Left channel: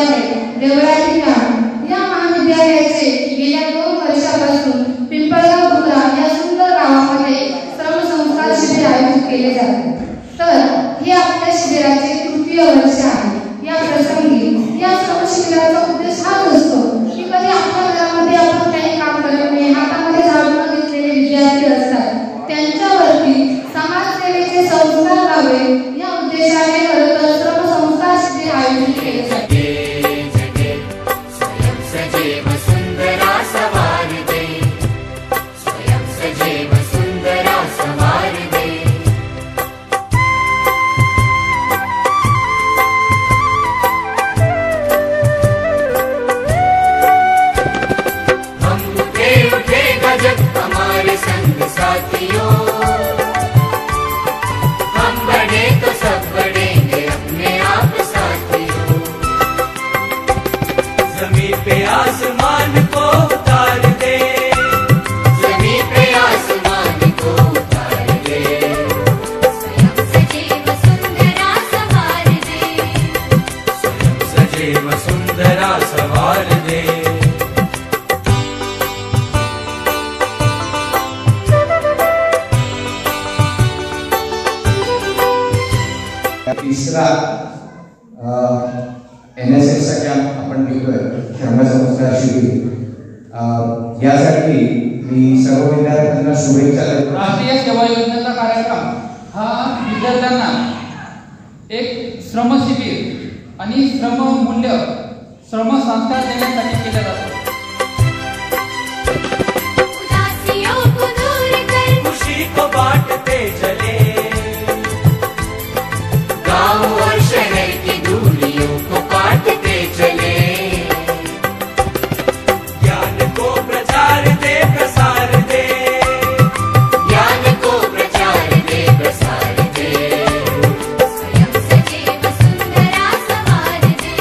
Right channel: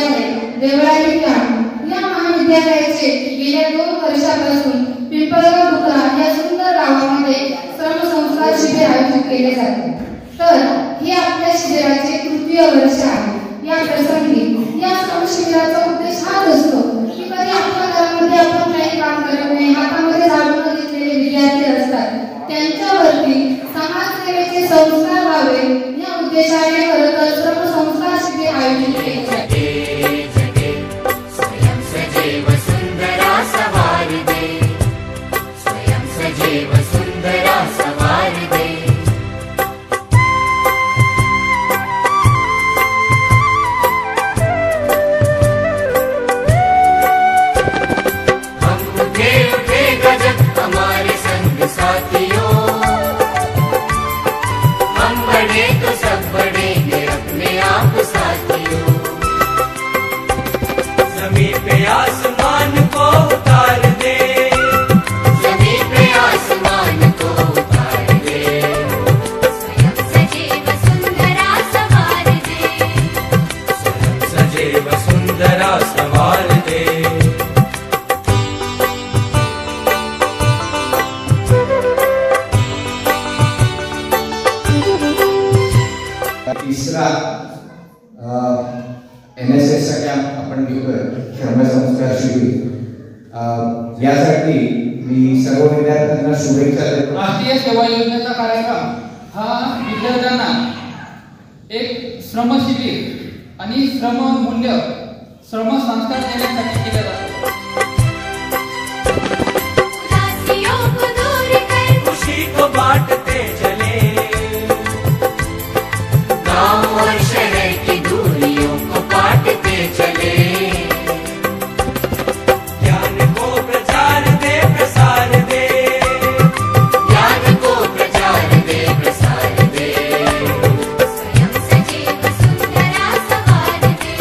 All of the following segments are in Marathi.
महाविद्यालय देवळाली या महाविद्यालयाचे गेल्या 2 वर्षापासून पिंपळगाव बुकरा या सुंदर गावामध्ये श्रमसंस्कार शिबिर आयोजित केले जाते। तर हे आपल्या शिबिराचे 3य वर्ष आहे। या प्रसंगी या श्रमशिबिराचा उद्देश हाच असतो की कधी आपल्या घरामध्ये आपण काही काम करू नये, हातामध्ये झाडून घेतलेले विद्यार्थी असतात, त्यांच्यावरती समाजसेवेचे संस्कार व्हावे या उद्देशाने खरंतर श्रमसंस्कार शिबिर आयोजित केले जाते। स्वयं सजीव सुंदरा सवार दे, स्वयं सजीव सुंदरा सवार दे। हम उठे उठे गजब हमारे संग साथियों, हम बड़े तो सब बढ़ेंगे अपने आप साथियों। जमीन पे आसमान को उतार दे, जमीन पे आसमान को उतार दे, स्वयं सजीव सुंदरा सवार दे, स्वयं सजीव सुंदरा सवार दे। तिसरा NSS चा कॅम्प आपण घेतोय श्रमसंस्कार शिबिर। यासाठी मी सर्व विद्यार्थ्यांना शुभेच्छा देतो। राष्ट्रीय सेवा योजनेचा कार्यक्रम हा विद्यार्थ्यांना एक श्रम शिबिर आणि श्रम मूल्य श्रम संस्कार देण्यासाठी केला जातो। उदासियों को दूर कर खुशी को बांटते चले, गांव और शहर की दूरियों को काटते चले। ज्ञान को प्रचार दे प्रसार दे, ज्ञान को प्रचार दे प्रसार दे, स्वयं सजीव सुंदरा सवार दे,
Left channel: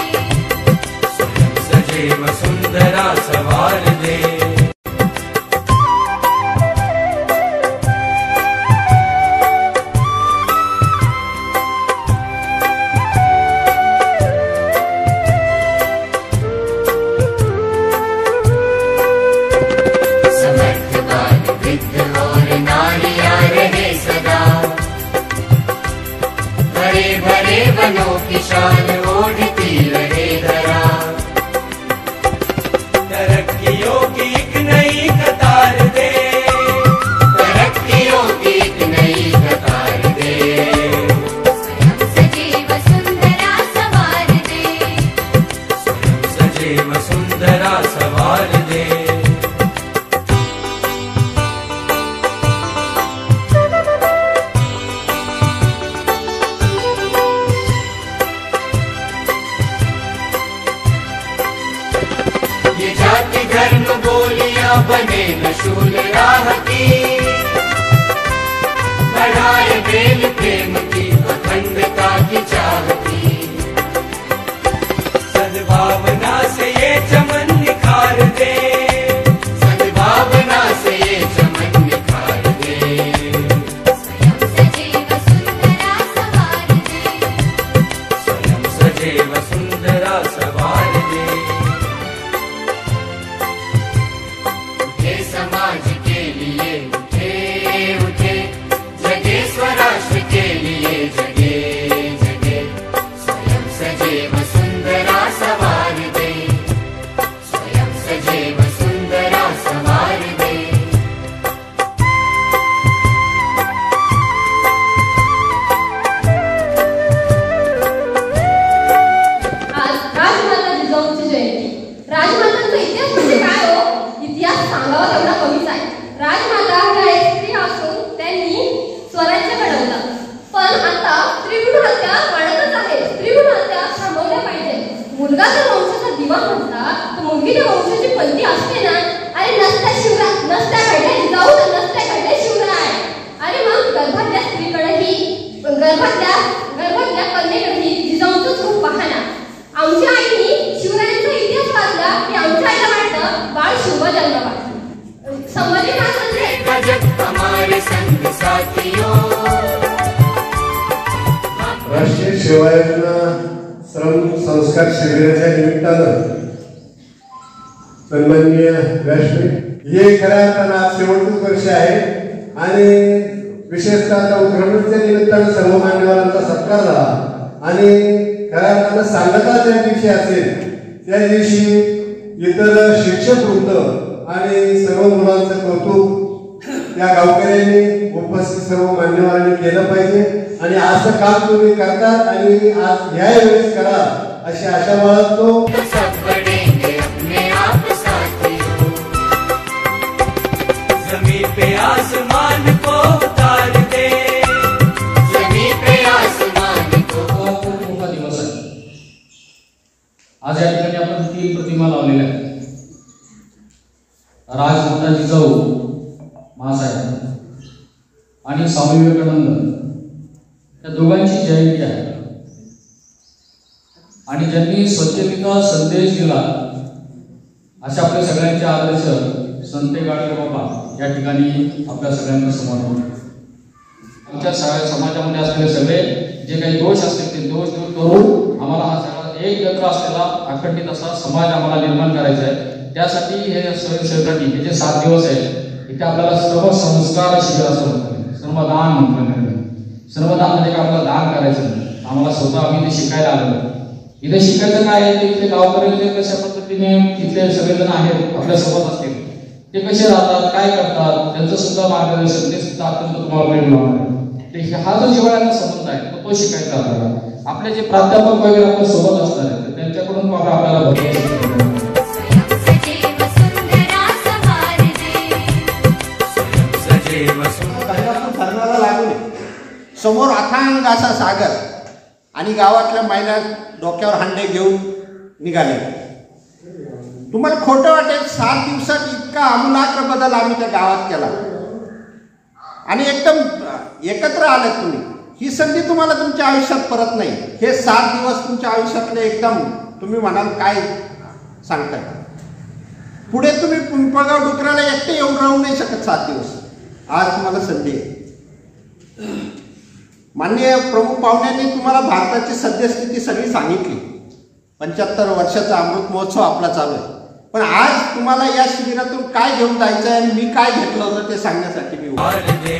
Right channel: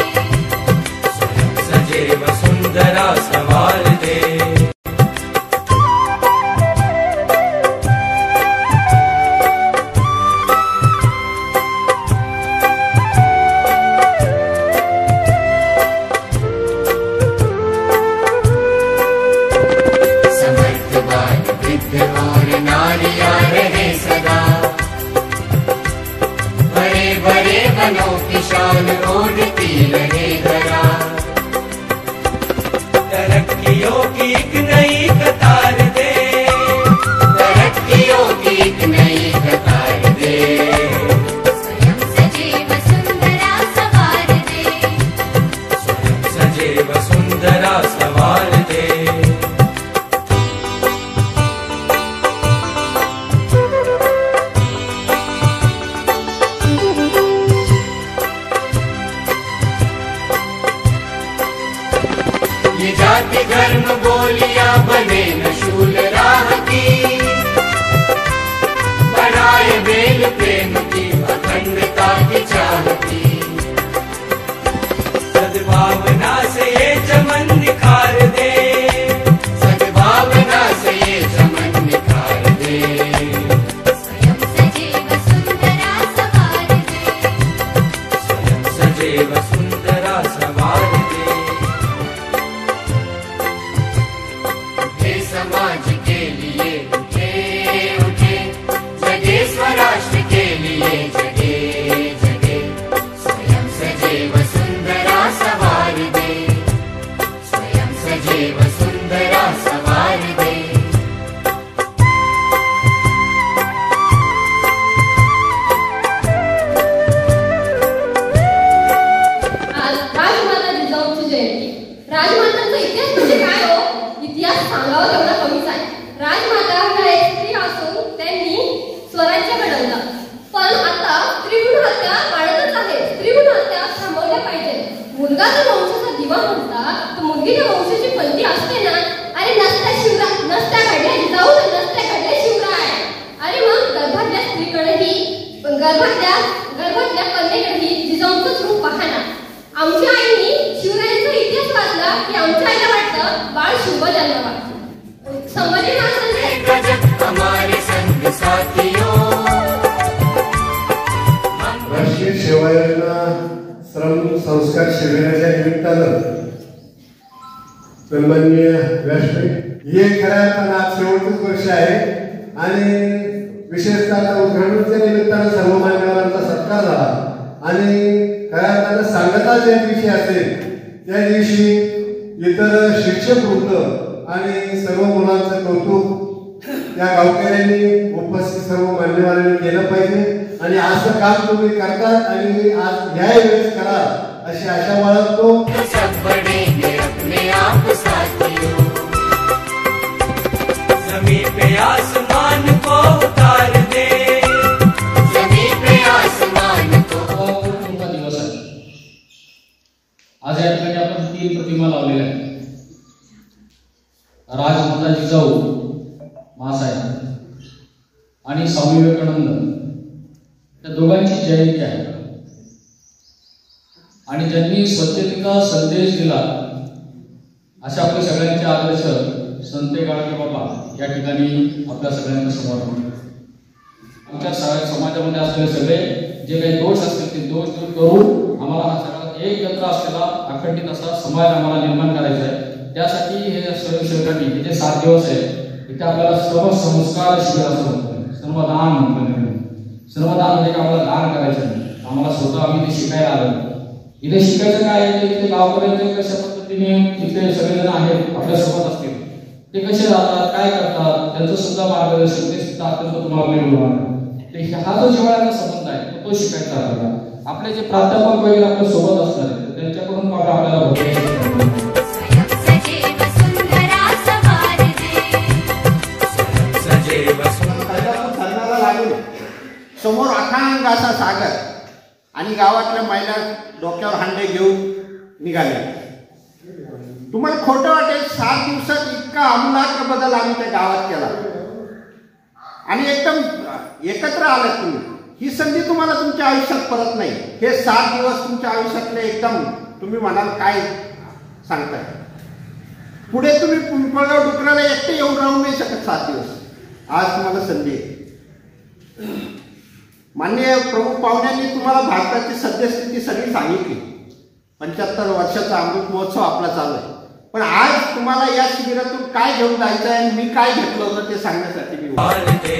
स्वयं सजीव सुंदरा सवार दे। समर्थवान वृद्ध और नारियां रहे सदा, बड़े बड़े वनों की शान ओढ़ती रहे धरा। तरक्कियों की एक नई कतार दे, तरक्कियों की एक नई कतार दे, स्वयं सजीव सुंदरा सवार दे, स्वयं सजीव सुंदरा सवार दे। ये जाति धर्म बोलियां बने न शूल राह की, बढ़ाए बेल प्रेम की अखंडता की चाह की। सद्भावना से ये चमन निखार दे, सद्भावना से ये चमन निखार दे, स्वयं सजीव सुंदरा सवार दे, स्वयं सजीव सुंदरा सवार दे। उठे समाज के लिए उठे उठे, जगे स्वराष्ट्र के लिए जगे जगे, स्वयं सजीव सुंदरा सवार दे, स्वयं सजीव सुंदरा सवार दे। आज राजमाता जिजाऊंची जयंती। राजमातांचा इतिहास म्हणजे काय हो? इतिहास सांगावा तेवढा कमीच आहे। राजमाता ह्या एक स्त्री असून त्यांनी स्वराज्य घडवलं, पण आता स्त्रीभ्रूण हत्या वाढतच आहे। स्त्रीभ्रूण हत्या थांबवल्या पाहिजे। मुलगा जर वंशाचा दिवा म्हटला तर मुलगी त्या वंशाची पणती असते ना? अरे नसत्या शिवराय, नसत्या घडल्या जिजाऊ, नसत्या घडल्या शिवराय। अरे मग गर्भातल्या स्त्रीकडेही गर्भातल्या कन्येकडेही जिजाऊंचंच रूप पहा ना। आमच्या आईनी शिवरायांचा इतिहास वाचला की आमच्या आईला वाटतं बाळ शिव जन्मावा। समजले ना? गजब हमारे संग साथियों। राष्ट्रीय सेवा योजना श्रम संस्कार शिबिराच्या निमित्तानं सन्माननीय व्यासपीठ हे खऱ्या अर्थानं आज शेवटच वर्ष आहे आणि विशेषतः उद्घाटनाच्या निमित्तानं सर्व मान्यवरांचा सत्कार झाला आणि खऱ्या अर्थानं सांगता ज्या दिवशी असेल त्या दिवशी इतर शिक्षक वृंद आणि सर्व मुलांचं कौतुक त्या गावकऱ्यांनी उपस्थित सर्व मान्यवरांनी केलं पाहिजे आणि असं काम तुम्ही करतात आणि आज या वेळेस करा अशी आशा बाळगतो. सब बढ़ेंगे अपने आप साथियों, जमीन पे आसमान को उतार दे, जमीन पे आसमान को. खूप मोठा दिवस आहे. आज या ठिकाणी आपण 3 प्रतिमा लावलेल्या आहेत. राजमाता जिजाऊ महासाहेब आणि स्वामी विवेकानंद या दोघांची जयंती आहे आणि ज्यांनी स्वच्छतेचा संदेश दिला अशा आपल्या सगळ्यांचे आदर्श संत गाडगे बाबा या ठिकाणी आपल्या सगळ्यांना समोर आमच्या समाजामध्ये असलेले सगळे जे काही दोष असतील ते दोष दूर करून आम्हाला हा सगळा एकत्र असलेला अखंडित असा समाज आम्हाला निर्माण करायचा आहे. त्यासाठी हे स्वयंसेवकांनी हे जे 7 दिवस आहेत इथे आपल्याला सर्व संस्कार शिबिर असं म्हणतात, श्रमदान म्हणतात. श्रमदान म्हणजे का आपल्याला दान करायचं नाही, आम्हाला स्वतः आम्ही इथे शिकायला आलो. इथे शिकायचं काय आहे, इथे गावकऱ्यांचे कशा पद्धतीने इथे सगळेजण आहेत आपल्यासोबत असतील ते कसे राहतात, काय करतात, त्यांचं सुद्धा मार्गदर्शन ते सुद्धा अत्यंत तुम्हाला मिळणार आहे. हा जो जिव्हाळ्याचा संबंध आहे तो शिकायचा आपल्याला. आपले जे प्राध्यापक वगैरे आपल्या सोबत असणार आहेत त्यांच्याकडून आपल्याला भरपूर सजीव सुंदरा सवार दे, सजीव सुंदर धरणाला लागून समोर अथांग असा सागर आणि गावातल्या महिला डोक्यावर हांडे घेऊन निघाले. तुम्हाला खोटं वाटेल, 7 दिवसात इतका आमूलाग्र बदल आम्ही त्या गावात केला आणि एकदम एकत्र आलात तुम्ही. ही संधी तुम्हाला तुमच्या आयुष्यात परत नाही. हे 7 दिवस तुमच्या आयुष्यातले एकदम तुम्ही म्हणाल काय सांगताय. पुढे तुम्ही पिंपळगाव डुकराला एकटे येऊन राहू नाही शकत 7 दिवस. आज तुम्हाला संधी आहे. माननीय प्रमुख पाहुण्यांनी तुम्हाला भारताची सद्यस्थिती सगळी सांगितली. 75 वर्षाचा अमृत महोत्सव आपला चालू आहे. पण आज तुम्हाला या शिबिरातून काय घेऊन जायचं आहे आणि मी काय घेतलं होतं ते सांगण्यासाठी मी दे